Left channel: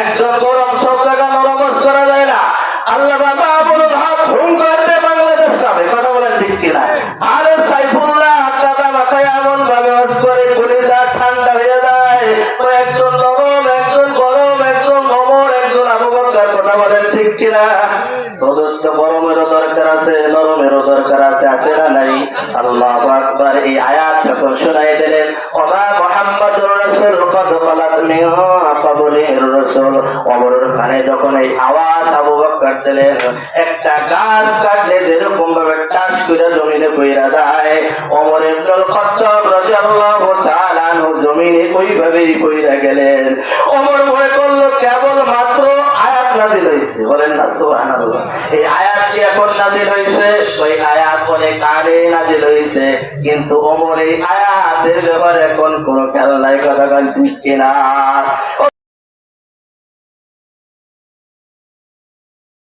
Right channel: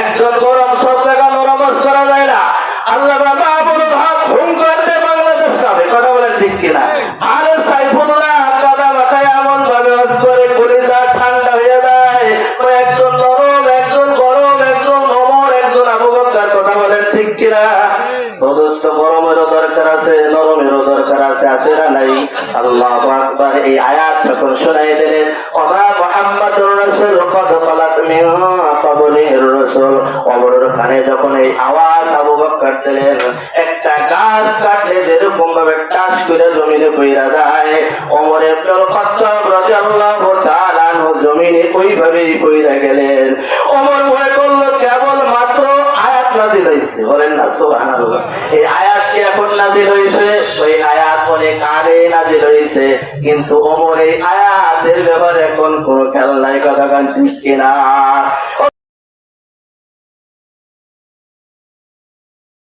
একজন গরম সব জায়গা নরমাজ করা যায় না। আল্লাহ বাবা বলো ভাব হুম করতে বাংলাদেশ যাবে, কথা বলেন ঠিক কিনা? আরে সাইফুল্লাহ কাদা মাথায় এমন ভাবে হাস করে কলিজা ঠান্ডা হয়ে যায়। একজন নরম, একজন গরম, একজন নমর, একজন আবু বকর, কথা বলেন ঠিক কিনা? যথেষ্ট গরমেরও দরকার আছে, নরমেরও দরকার আছে, আছে না নাই? আল্লাহু আকবার। এই আয়াত যখন শোনাই দিলেন, ওমা মুহাম্মাদুর রাসূল কদ খালাত মিন ক্বাবলিহির রাসূল, ওমরের কানে যখন এই আওয়াজ আবু বকর দিলেন, একটা গাছ কাটলে যেরকম ভাবে টাস করে জমিনে পড়ে যায়, ওমর ইবনুল খাত্তাব রাদিয়াল্লাহু তাআলা আনহু জমিনে ওইভাবেই পড়ে গেলেন। ওমর ভয় করলো কেবল মাত্র আয়াত নাযিল হয়েছে, বলেন না সুবহানাল্লাহ। এই আয়াত কি এখন নাযিল হয়েছে? ওই আয়াত অনেক আগে নাযিল হয়েছে, কিন্তু ওমর এই আয়াতের ব্যাপারে এখন কোনো খেয়াল নাই, কথা ঠিক কিনা?